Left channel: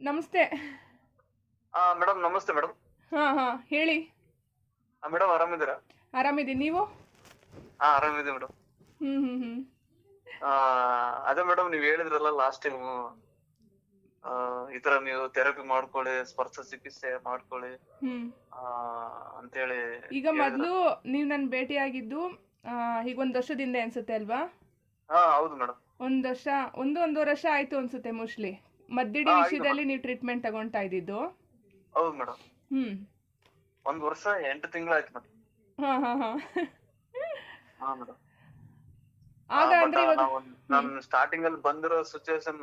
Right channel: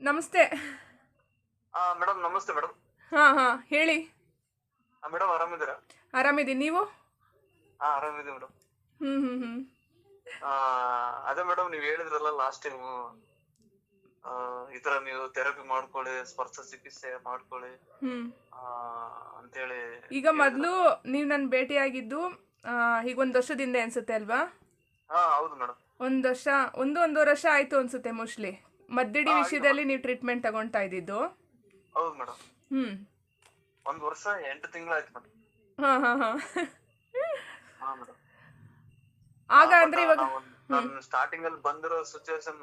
ನಮಸ್ತೆ. ಮೇಡಮ್ ನಮಸ್ತೆ ಮೇಡಮ್ ಹಾ ಹಾ ಹೇಳಿ. ಮೇಡಮ್ ಆರಾಮಿದ್ದೀರಾ? ಆರಾಮಿದ್ದೀನಿ ನೀವು? ಹಾ ಆರಾಮಿದೆ ಮೇಡಮ್ ಹ್ಮ್ ಹ್ಞೂ ಹ್ಮ್. ಅದೇ ಮೇಡಮ್ ನೀವ್ ಹೇಳಿದ್ರಲ್ಲ ಲಾಸ್ಟ್ ಟೈಮ್ ಈ ತರ ನೀವು ಥೆರಪಿ ಮಾಡ್ಕೊಳ್ಳಿ ಸ್ಪರ್ಶ ಚಿಕಿತ್ಸೆ ಮಾಡ್ಕೊಳ್ಳಿ. ಹ್ಞೂ ಆ, ಅಂತೇಳಿ ಈಗ ಮೊದಲು ನೀವು ನನ್ನ ಭೇಟಿಯಾಗಿದ್ದು ಆ, ಈಗ ಒಂದು ವರ್ಷದಿಂದ ಅನ್ಸುತ್ತೆ ಅಲ್ವಾ? ಹಾ ಹೌದು ಮೇಡಮ್ ಒಂದು ವರ್ಷ ಒಂದು ಒಂದೂವರೆ ವರ್ಷ ಆಯ್ತು ಅನ್ಸುತ್ತೆ ಮೋಸ್ಟ್ಲಿ ಮದ್ದಿಡಿ ವಿಷಯದಲ್ಲಿ ನೀವು ಟ್ರೀಟ್ಮೆಂಟ್ ತಗೊಂತಾ ಇದ್ದಿದ್ದು? ಹೌದು ಮೇಡಮ್. ಹ್ಮ್. ಒಂದ್ ವರ್ಷ ಎಂಟು ತಿಂಗಳಾಯ್ತು ಮೇಡಮ್. ಹಾಂ ಹಾ ಹಾ. ಹಾ ಮೇಡಮ್. ಆಗ ಅಂದ್ರೆ ಇವಾಗ ನಮ್ ಸ್ಟಾರ್ಟಿಂಗ್ ಅಲ್ಲಿ ಬಂದಿರೋ ಸಿಚುವೇಶನ್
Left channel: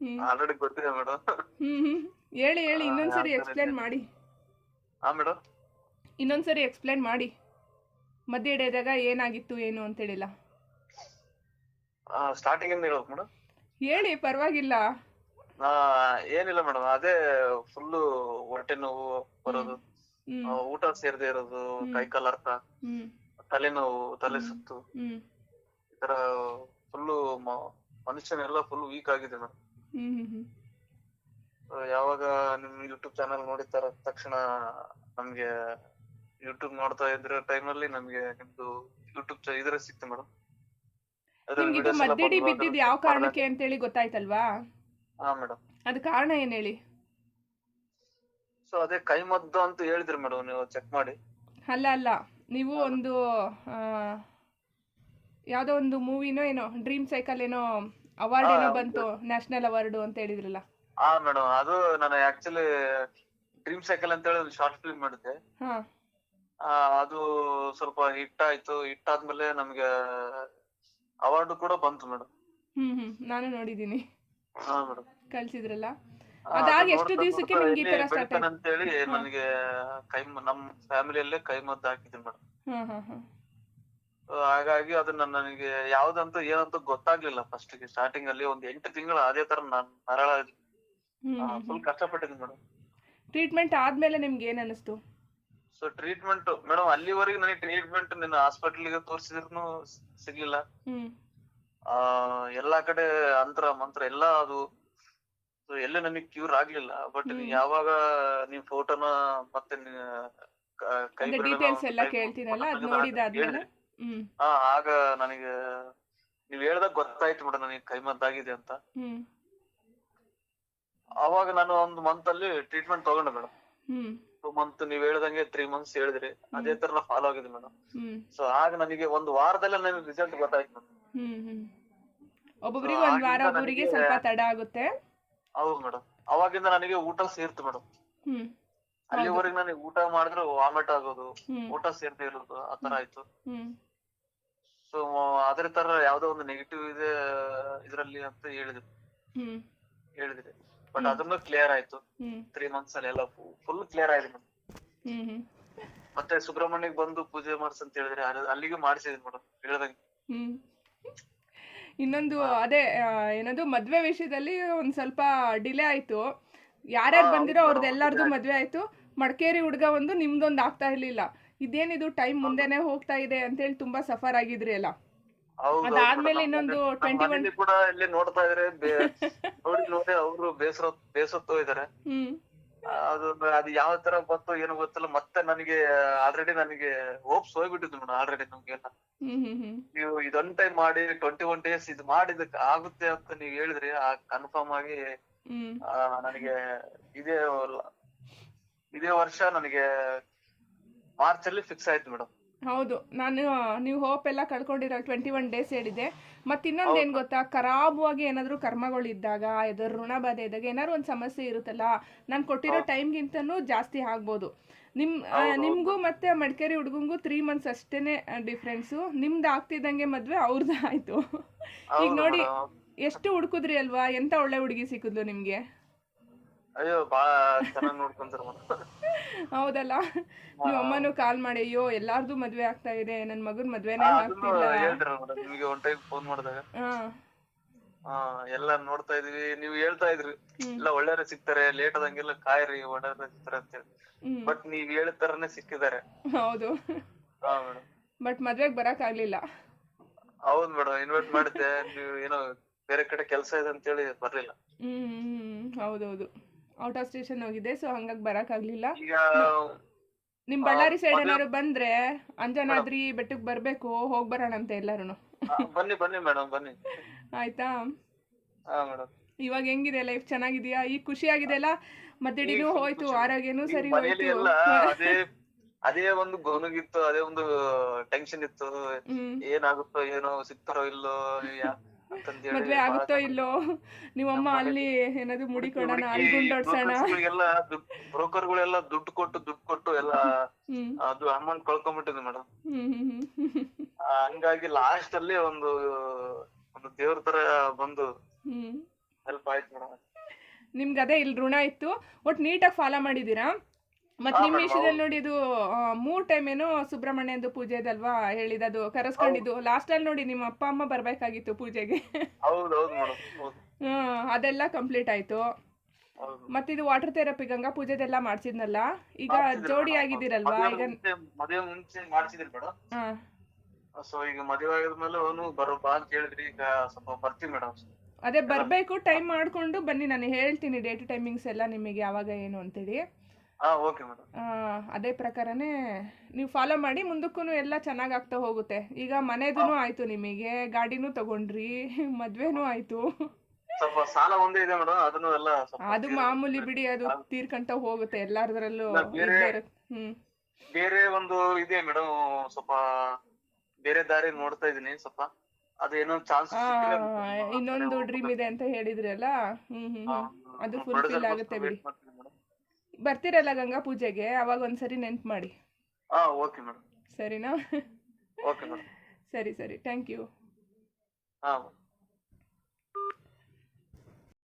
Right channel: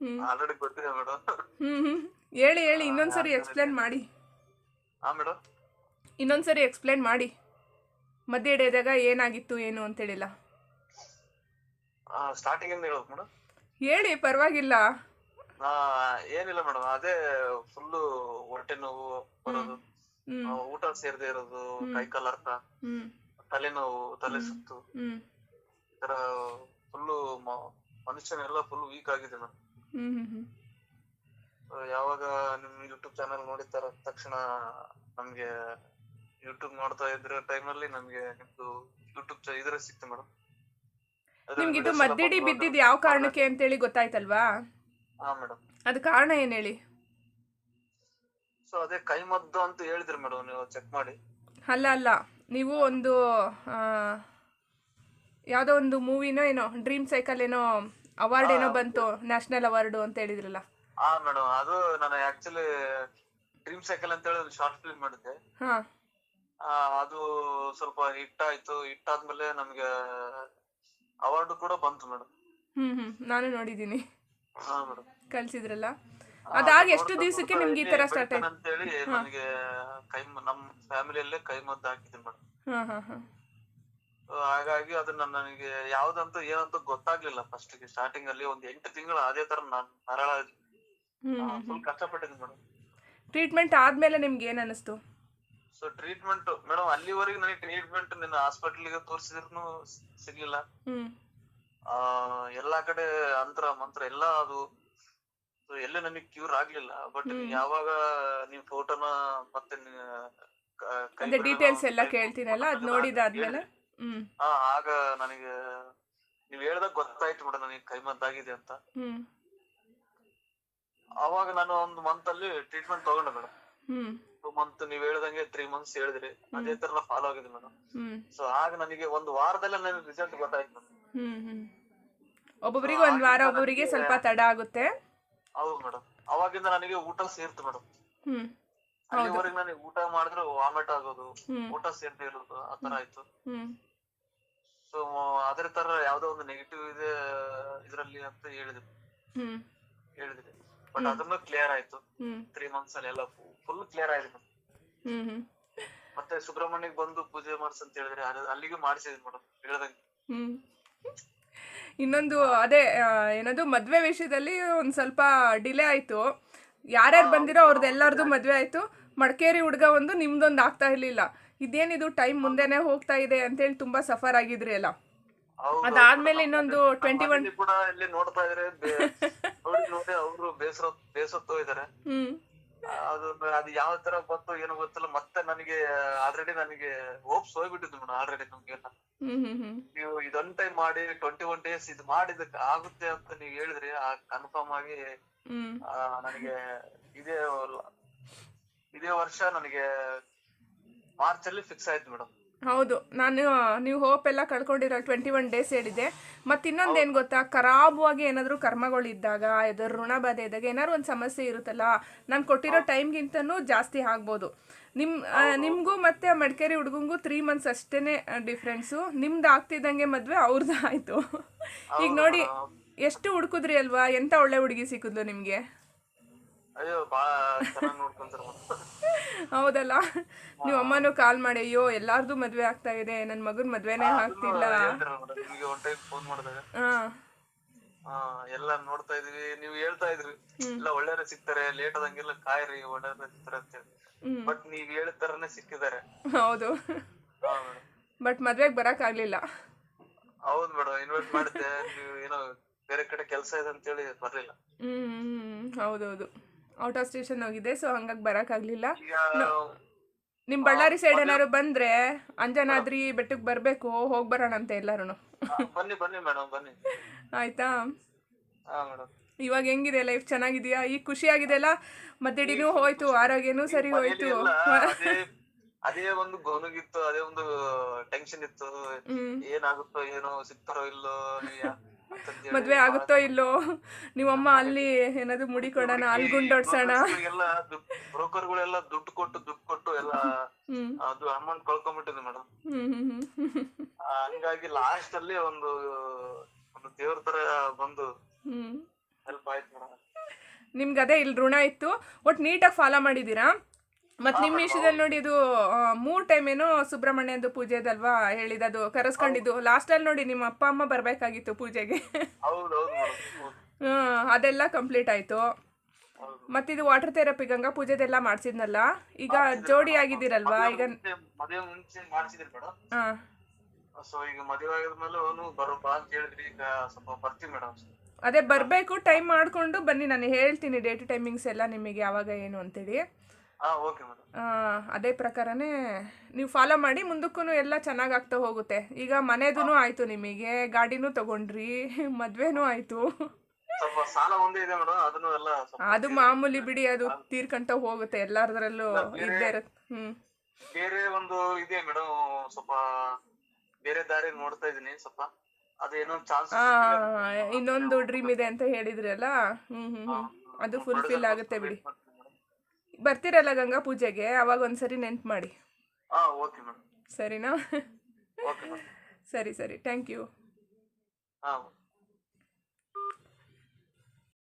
ಹ್ಞೂ ಆಲ್ರೆಡಿ ಗೊತ್ತಿದೆ ಮೇಡಮ್. ಹ್ಮ್ ಹ್ಞೂ ಹೇಳಿ ಹೇಳಿ ಇನ್ನೊಂದ್ಸರಿ ಎಕ್ಸ್ಪ್ಲೇನ್ ಮಾಡಿ. ಹಾ ಮೇಡಮ್. ಇನ್ನೊಂದ್ಸರಿ ಎಕ್ಸ್ಪ್ಲೇನ್ ಮಾಡಿ. ಮದ್ಯ ಹಿಡಿದಾಗ ಏನಾಗಿತ್ತು ಏನು ಅಂತ ಅಂತೇಳಿಲ್ಲ ಸ್ಟಾರ್ಟಿಂಗ್ ಇಂದ ಹೇಳ್ಬೇಕು ಮೇಡಮ್. ಹೇಳಿ ಪರವಾಗಿಲ್ಲ. ಆ, ಏನಿಲ್ಲ ಮೇಡಮ್ ಅದೇ ಫುಲ್ ಹೊಟ್ಟೆ ನೋವು ಬರೋದು ಆ, ಊಟ ಸೇರದೆ ಇರೋದು ಕೈ ಕಾಲ್ ಅರ್ಥ ಹ್ಞೂ ತಲೆನೋವು ತಲೆ ಸುತ್ತು. ಈ ತರ ಫುಲ್ಲು ಮನುಷ್ಯನೆಲ್ಲ ಫುಲ್ ವೀಕ್ ಆಗಿದೆ ಮೇಡಮ್. ಹ್ಮ್ ಯಾವಾಗ ನಿಮ್ ಯೂಟ್ಯೂಬ್ ಚಾನಲ್ ನೋಡಿತಾರ ತಕ್ಷಣ ನಮ್ಗೆ ಯೂಟ್ಯೂಬ್ ನೋಡ್ತಾ ಇದ್ರ ಟೈಮಲ್ಲಿ ನಮ್ಗೆ ನಿಮ್ದು ಯೂಟ್ಯೂಬ್ ಇದ್ರೆ ಸಿಕ್ತು ಮೇಡಮ್. ನಿಮ್ಗೆ ಇದು ಮದ್ದಿಡಿ ಬಿದ್ದಿದ್ದು ಯಾವ ಕಾರಣಕ್ಕೆ ಅಂತೇಳಿ ಗೊತ್ತಾಯ್ತಲ್ವಾ? ಹಾ ಮೇಡಮ್ ಅದು ಕಾರಣ ಏನು ಹೇಳಿ? ಸೊ ಅದೇ ಕೈಮದ್ದು ಅಂತ ಹೇಳಿದ್ರು ಮೇಡಮ್ ನೀವು ಚೆಕ್ ಮಾಡಿ. ಅಲ್ಲ ಅಲ್ಲ. ನೀವು ಒಂದು ಆ, ಯಾವುದೋ ಒಂದು ಮೂವಿನೋ ಏನೋ ಡ್ರೀಮ್ ಸೈಕಲ್ ಏನೋ ಅವಾರ್ಡ್ ಏನೋ ಬಂತು ನ್ಯಾಷನಲ್ ಅವಾರ್ಡು ಅಂತ ಹೇಳಿದ್ರಲ್ಲ. ಆ ಮೇಡಮ್ ಅದು ನಾನು ಆಕ್ಚುಲಿ ಡ್ರೀಮ್ ಸೈಕಲ್ ಅಂತ ಹೇಳಿ ಒಂದು ಶಾರ್ಟ್ ಫಿಲ್ಮ್ ಮಾಡಿದ್ದೆ. ಹಾಂ. ಆ, ಅದು ಸ್ವಲ್ಪ ಹಿಟ್ ಆಯ್ತು. ಹಿಟ್ ಆದ್ಮೇಲೆ ನಮ್ಗೆ ಅವಾರ್ಡ್ ಕೂಡ ಬಂತು ಮೇಡಮ್ ಹ್ಮ್ ಹ್ಮ್. ನಾನು ನೋಡಿದ್ದೀನಿ. ಕಳಿಸಿದ್ರಲ್ಲ? ಅದಾಗ ಎಷ್ಟು ದಿವಸಕ್ಕೆ ನಿಮ್ಗೆ ಈ ತರ ಸ್ಟಾರ್ಟ್ ಆಯ್ತು ಅಂತ ಹೇಳಿ ನನಗೆ ಕೈ ನಮ್ಮ ಫ್ಯಾಮಿಲಿ ಫ್ಯಾಮಿಲಿಯಲ್ಲೇ ಕೈ ಮದ್ದು ಹಾಕಿದ್ದೀನಿ ಮೇಡಮ್ ಹಾಂ ಹಾಂ ಹಾಂ. ಹಾಗಾಗಿ ಅದನ್ನ ನನಗೆ ಯಾವ್ದಂತ ಏನಂತ ಗೊತ್ತಾಗ್ಲಿಲ್ಲ ಫಸ್ಟ್ಗೆ. ಸ್ಟಾರ್ಟಿಂಗ್ ಅಲ್ಲಿ ಒಂದ್ ಎಂಟು ತಿಂಗಳು ಅದೇ ತರ ನಾನ್ ಮರಳ ಫುಲ್ ಕಷ್ಟಪಟ್ಟಿದ್ದೀನಿ ಮೇಡಮ್ ಟ್ರೀಟ್ಮೆಂಟ್ ಆದ್ಮೇಲೆ ನಿಮ್ಗೆ ಏನ್ ಅನಿಸ್ತು ಸೊ ಟ್ರೀಟ್ಮೆಂಟ್ ಮೇಡಮ್ ಅಲ್ಲಿವರೆಗೆ ನನಗೆ ಟ್ರೀಟ್ಮೆಂಟ್ ನಿನ್ನ ಹಾಸ್ಪಿಟಲ್ಗೆ ತೋರಿಸಿದ್ರು ಸಿಗ್ಲಿಲ್ಲ. ಆ ಎಲ್ಲಾ ಕಡೆ ಅಂತರ ಮಂತ್ರ ಎಲ್ಲ ಅದು. ಎಲ್ಲೂ ನನಗೆ ಕ್ಯೂರ್ ಆಗ್ಲಿಲ್ಲ. ಬಟ್. ಯಾವಾಗ ನೀವ್ ಫೋಟೋನ ಮತ್ತೆ ಕ- ಅಂದ್ರೆ ಡೀಟೇಲ್ಸ್ ಎಲ್ಲ ಅದು ನೋಡಿದಾದ್ಮೇಲೆ. ಹಾ ಆಗ ನನಗೆ ನೀವ್ ಹೇಳ್ದಾಗ ಗೊತ್ತಾಯ್ತು ಮೇಡಮ್ ನನಗೆ ಕೈಮದ್ದಾಗಿದೆ ಅಂತ. ಅವಾಗ ನಾನು ಒಂದು ಮಂತ್ ಅಲ್ಲಿ ಟ್ರೀಟ್ಮೆಂಟ್ ತಗೊಂಡೆ ಮೇಡಮ್ ಟೂ ಮಂತ್ ನೀವ್ ಹೇಳ್ದಂಗೆ ತ್ರೀ ಮಂತ್ಸ್ ಹೇಳಿದ್ರಿ. ಅದೇ ತರ ಫಾಲೋ ಆಗಿದೆ ಮೇಡಮ್ ಸೊ ಆಗ ನನಗೆ ಒಂದು ವಾರದಲ್ಲೇ ನನಗೆ ರಿಸಲ್ಟ್ ಗೊತ್ತಾಯ್ತು ಮೇಡಮ್ ಹ್ಮ್. ಹ್ಞೂ ಒಬ್ಬೊಬ್ರಿಗೆ ವಾರ ಒಬ್ಬೊಬ್ಬರಿಗೆ ಸ್ವಲ್ಪ ತಡ ಆಗುತ್ತೆ. ಹೌದು ಮೇಡಮ್. ಅವಾಗಿಂದ ನನಗೆ ಊಟ ಸೇರ್ತು ಮೇಡಮ್. ಹ್ಮ್. ಅಲ್ಲಿವರೆಗೆ ನನಗೆ ಊಟ ಮಾಡಿದ್ರೆ ವಾಮಿಟ್ ಆಗೋದು ಊಟ ಸೇರ್ದೇ ಇರೋದು ಆತರ ಆಯ್ತು. ಹ್ಞೂ ಸೊ ಅದೇ ತರ ಯಾವ್ದೋ ಒಂದು ನೆಗೆಟಿವ್ ಇದೆ ಇದ್ರಲ್ಲಿ ಅಂತ ಹೇಳಿದ್ರು. ಹ್ಮ್. ಹೇಳಿದ್ರಿ. ಬಟ್ ಅದನ್ನು ಕ್ಲಿಯರ್ ಆಯ್ತು. ತ್ರೀ ಮಂತ್ಸ್ ಅಲ್ಲಿ ಎಲ್ಲ ಫುಲ್ ಕ್ಲಿಯರ್ ಆಯ್ತು ಮೇಡಮ್. ಹ್ಞೂ ಮತ್ತೆ ಸುಬ್ರಹ್ಮಣ್ಯಕ್ ಬಂದು ಪೂಜೆ ಮಾಡಿಸ್ ಅಂತ ಹೇಳಿದ್ರೆ ಅಲ್ಲಿಗೂ ಮಾಡಿಸಿದ್ವಿ ಮೇಡಮ್ ಹೇಳ್ದಂಗೆ. ಇನ್ನೊಂದು ಅದೇ ಏನದು ಮದುವೆ ವಿಷಯದಲ್ಲಿ ಒಂದು ಸ್ವಲ್ಪ ಡಿಲೇ ಆಯಿತು. ಯಾರ್ಯಾರು ಬಂದಿರೋ ಅವ್ರದ್ದು ಎಲ್ಲರದು ಮದುವೆ ಆಯಿತು. ಮಡಿಕೇರಿ ಹುಡುಗ ಒಂದು ನಿಮ್ದೊಂದು ಆಗ್ತಾ ಇರಲಿಲ್ಲ. ಇದೇನಿದು ಟೈಮ್ ಮುಂದೆನೆ ಹೋಗ್ತಾ ಇದೆ ಅಂತೇಳಿ ತುಂಬಾ ಸಫರ್ ಆಗಿದ್ರಿ ಅಲ್ಲ? ಅದಾದ್ಮೇಲೆ ಇನ್ನೊಂದು 21 ಮನೇಲಿ ಕೂಡ ಇಲ್ಲಿ ನೋಡ್ತಾ ಇದ್ರೆ. ಅವರು ಬೇಸರ ಬೇಸತ್ತು ಇದಾರೆ. ಅದು ಅದು ಯಾವ ತರ ಬಂತು ಏನು ಗೊತ್ತಿಲ್ಲ. ಮತ್ತೆ ನನಗೆ ಆಲ್ರೆಡಿ ನನಗೆ ಹೋಪ್ಸ್ ಹೋಗ್ಬಿಟ್ಟಿದ್ದು ಮೇಡಮ್ ಆಲ್ರೆಡಿ ನಮ್ಗೆಲ್ಲ ನೀವು ಇದೊಂದ್ ಟೈಮ್ ಮಾಡಿ ಟ್ವೆಂಟಿ ಒನ್ ಡೇಸ್ ಇದು ಮಾಡಿದಕ್ಕೆ ಆಗುತ್ತೆ ಅಂತ ನೀವು ಹೇಳಿದ್ರಿ ಆ ಕನ್ಫರ್ಮ್ ಆಗಿ ಆ, ನನಗೆ ಇದೇ ಇದೇ ವರ್ಷ ನನಗೆ ಮಾರ್ಚ್ ಅಲ್ಲಿ ಫಿಕ್ಸ್ ಆಯ್ತು ಮೇಡಮ್ ಹೌದು. ನಾನು ನೀವು ಹೋಪ್ ಎಲ್ಲ ಕಳ್ಕೊಂಡಿರೋ ಟ್ವೆಂಟಿ ಒನ್ ಡೇಸ್ ಹೇಳಿದೆ ಮತ್ತು ಇನ್ನೊಂದು ಏನು ಗೊತ್ತಾ? ಖರಾಬಾಗಿ ಏನಾದರೂ ಕರ್ಮಗಳಿದ್ದಾಗ ಯಾವ್ದಾದ್ರು ಋಣ ಬಾಧೆ ಇದ್ದಾಗ ಏನಾದ್ರು ಒಂದು ಸಮಸ್ಯೆ ಇರುತ್ತಲ್ಲ ನಾನು ಕೊಟ್ಟಿರೋ ಟೈಮ್ಗಿಂತನೂ ಜಾಸ್ತಿ ಆಗ್ಬೋದು. ನಿಮ್ಮ ನಿಮಗೂ ಮತ್ತು ಮಡಿಕೇರಿ ಹುಡುಗಂಗೂ ತ್ರೀ ಮಂತ್ಸ್ ಅಷ್ಟೇ ಡಿಫ್ರೆನ್ಸು ನಿಮ್ದು ಆಗ್ತಿದ್ದಂಗೆ ಮದುವೆ ಅವ್ರದ್ದು ಆಯಿತು. ಈಗ ನೋಡಿ ಎಷ್ಟು ಹುಡುಕಿದ್ರಿ ಅಲ್ವಾ? ಎಂಥ ಒಳ್ಳೆ ಹುಡುಗಿ ಸಿಕ್ಕಿದ್ಲು ನಿಮಗೆ? ಅಯ್ಯೋ ಬಾಳ ಚೆನ್ನಾಗಿ ನೋಡ್ಕೊಂತಾರ ಹೌದಲ್ಲ? ನೀವ್ ಅಮ್ಮನು ಕಾಲ್ ಮಾಡಿ ಅಯ್ಯೋ ಎಲ್ಲಾರ್ದು ಮದ್ವೆ ಆಗ್ತಾ ಇದೆ ನನ್ ಮಗನ್ ಮದ್ವೆನೆ ಆಗ್ತಿಲ್ಲ. ನಿಮ್ಗೆ ಒನ್ ಟೈಮ್ ಫೋನ್ ಮಾಡಿದಾಗ. ಎಲ್ಲ ನೋಡ್ತಾ ಇದೀವಿ ನೀವು ಹೇಳ್ತಾ ಇದ್ರಿ. ಎಲ್ಲ ಒಳ್ಳೆಯವ್ರೆ ಸಿಗ್ತಾರೆ ಲೇಟ್ ಆದಂಗೆಲ್ಲ ಕಾಯ್ರಿ ಒಳ್ಳೆಯವ್ರೆ ಸಿಗ್ತಾರೆ ಅಂತ ಹೇಳಿ. ಬಟ್ ನೀವ್ ಹೇಳಿದ ತರನೇ ಸಿಕ್ಕಿದ್ದಾರೆ. ಹೌದು. ಬಟ್ ಮದ್ವೆಗೆ ಬರೋಕ್ಕಾಗಲಿಲ್ಲ ಹೌದ್ ಮೇಡಮ್ ಇನ್ವೈಟ್ ಮಾಡಿದ್ದೆ ನೀವು ಏನೋ ಬೇರೆ ಕಡೆ ಕೆಲಸ ಇದೆ ಅಂತೇಳಿ ಬರ್ಲಿಲ್ಲ. ಹ್ಮ್ ಹ್ಮ್ ಹೌದೌದು. ಔಟ್ ಆಫ್ ಸ್ಟೇಷನ್ ಹೋಗಿದೆ ಸೊ ಹಂಗಾಗಿ ಬರೋಕ್ಕಾಗಲಿಲ್ಲ ನಿಮ್ ನಿಮ್ಮ ಬಳ್ಳಾರಿ ಸೈಡ್ ಏನಾದ್ರು ಬಂದ್ರೆ ಅಂಜನಾದ್ರಿ ಬೆಟ್ಟಕ್ಕೆ ಬರಬೇಕು ಹೋಗಿ ಬರೋಣಂತೆ ಅಂತ ಎಲ್ಲಾರು ಬನ್ನಿ ಬನ್ನಿ ಮೇಡಮ್ ಬನ್ನಿ. ಆಯ್ತಾ? ಇವಾಗ ಹೆಂಗಿದೆ ಲೈಫ್ ಚೆನ್ನಾಗಿದೆಯಾ? ಈಗ ಖುಷಿ ಆಗಿದೆಯಲ್ಲ? ಮದ್ದಡಿನೂ ಹೋಯ್ತು ಆರೋಗ್ಯನೂ ಸರಿ ಹೋಯ್ತು. ಅದೇ ಒಂದು ಗೌನಗಿತ್ತು ಅದೇ ಒಂದು ಟೆನ್ಷನ್ ಇತ್ತು. ಏನಾಗುತ್ತೋ ಏನೋ ಸಿಗ್ತಾರೋ ಇಲ್ಲೋ ಮದ್ವೆ ಆಗುತ್ತೋ ಇಲ್ಲೋ? ನಿಮ್ಮಮ್ಮ ಅಲ್ಲಿ ಏನಾದ್ರು ಮುಡಿ ಕೊಡೋಣ ಅಲ್ಲಿ ಗುಂಡೋಡ್ಸೋಣ? ಎಲ್ಲ ಬ್ರೋಕರ್ಗಳೆಲ್ಲ ದುಡ್ಡು ಕೊಟ್ಟು ದುಡ್ಡು ಕೊಟ್ಟು ಎಲ್ಲ ಅದು ಅಮೌಂಟ್ ಕಳ್ಕೊಂಡ್ಬಿಟ್ಟಿದೆ ಮೇಡಮ್. ಹಂಗಾಗಿ ಲಾಸ್ಟ್ ಅಲ್ಲಿ ಒಂದು ಒಂದು ದೇವ್ರ ತರ ಬಂದು ಹೆಲ್ಪ್ ಆಯ್ತು ಮೇಡಮ್. ನಿಮ್ಗೆ ಅದೇ ಇಲ್ಲಿ ಋಣ ಇತ್ತು. ಒಟ್ ನೀಟಾಗಿ ಫಾಲೋ ಮಾಡಿದ್ದೀರಾ? ಮತ್ತು ನಿಮ್ಮ ವಿಷಯದಲ್ಲಿ ನೋಡಿ ಇದು ಮೂರು ಟೈಮ್ ಏನೋ ಸುಬ್ರಹ್ಮಣ್ಯಂದು ಪೂಜೆದಲ್ವಾ ಹೇಳಿದದು ಕರೆಸ್ಕೊಂಡಿದ್ದು. ಲಾಸ್ಟಲ್ಲಿ ನೋಡಿ ನಿಮ್ಮ ಅಪ್ಪ ಅಮ್ಮ ಬರಬೇಕಾಗಿತ್ತು ಪೂಜೆಗೆ. ಹೌದು ಹೌದು ಮೇಡಮ್. ಹೌದು ಹ್ಮ್, ಅದೆಲ್ಲ ಕಂಪ್ಲೀಟ್ ಆಯ್ತು. ಹೌದು. ಮತ್ತಿದು ವಾಟರ್ ಥೆರಪಿ ಗಂಗಾ ಪೂಜೆದೆಲ್ಲ ಮಾಡ್ಸಿದ್ನಲ್ಲ? ಈಗ ಜೋಡಿ ಆಗಿದ್ದೀರಲ್ವಾ? ಈಗ ಮದುವೆ ಮುಂಚೆ ಮಾಡ್ಸಿದ್ರಿ ಮೇಡಮ್. ಹಾಂ. ಸೊ ಈಗ ಮದುವೆ ಆಗಿದ್ಮೇಲೆ ಅವನು ಬರೋ ಬಾ ಅಂತ ಹೇಳಿದ್ರಿ. ಈಗ ಸ್ವಲ್ಪ ಬರ್ತೀವಿ ಮೇಡಮ್. ಅದೇ ಬರಬೇಕು ಟೈಮ್ ಮಾಡಿಕೊಂಡು ಬನ್ನಿ. ನಾನು ಹೇಳ್ತೀನಿ ಡೇಟ್ ಟೈಮಿಂಗ್ಸ್ ಎಲ್ಲ ನಿಮಗೆ ಯಾವಾಗ ಏನು ಅಂತೇಳಿ. ಅದೇ ಪ್ರಕಾರನೇ ನೀವು ಫಾಲೋ ಮಾಡಿ ಮುಂದಕ್ಕೂ ಎಲ್ಲ ಚೆನ್ನಾಗಿ ಆಗ್ತಾ ಹೋಗುತ್ತೆ. ಈಗ ಮನೆದೂ ಆಯ್ತು ನಿಮಗೆ ಗಾಡಿನೂ ತಗೊಂಡ್ರಿ ಮದ್ವೆನೂ ಆಯ್ತು. ಸಾಲ ಒಂದೇ ಇದೆ ಮೇಡಮ್ ಅದನ್ನು ಎಲ್ಲ ಸ್ವಲ್ಪ ಅದು ಮಾಮೂಲಿ ಬಿಡಿ ಅದು ತೀರ್ಕಂತ ಹೋಗುತ್ತೆ ಎಲ್ಲಾರದ್ರಲ್ಲೂ ಇದ್ದೇ ಇರುತ್ತೆ. ಹ್ಞೂ ಬೇರೆ ಒಂದು ಇದೆ ಮೇಡಮ್ ಸ್ವಲ್ಪ ಬೇರೆ ದಾರಿ ನೋಡ್ತಾ ಇದೀನಿ ಸ್ವಲ್ಪ ಅದೇನೋ ಚಾನ್ಸ್ ಇನ್ನೊಂದು ಡ್ರೀಮ್ ಇದೆ ಅಂತ ಹೇಳಿದ್ರಲ್ಲ? ಹ್ಮ್ ಹ್ಮ್ ಅದು ಫುಲ್ಫಿಲ್ ಆಗುತ್ತೆ ಬಿಡಿ. ಬರ್ತೀರಲ್ಲ ಗಂಗಾ ಪೂಜೆಗೆ? ಅವಾಗ ಒಂದ್ಸರಿ ನೆನ್ಪು ಮಾಡಿ. ಹಾ ಓಕೆ ಮೇಡಮ್ ಸರಿನಾ? ಓಕೆ ಮೇಡಮ್ ಸರಿ ಸರಿ. ಥ್ಯಾಂಕ್ ಯು ಹಾ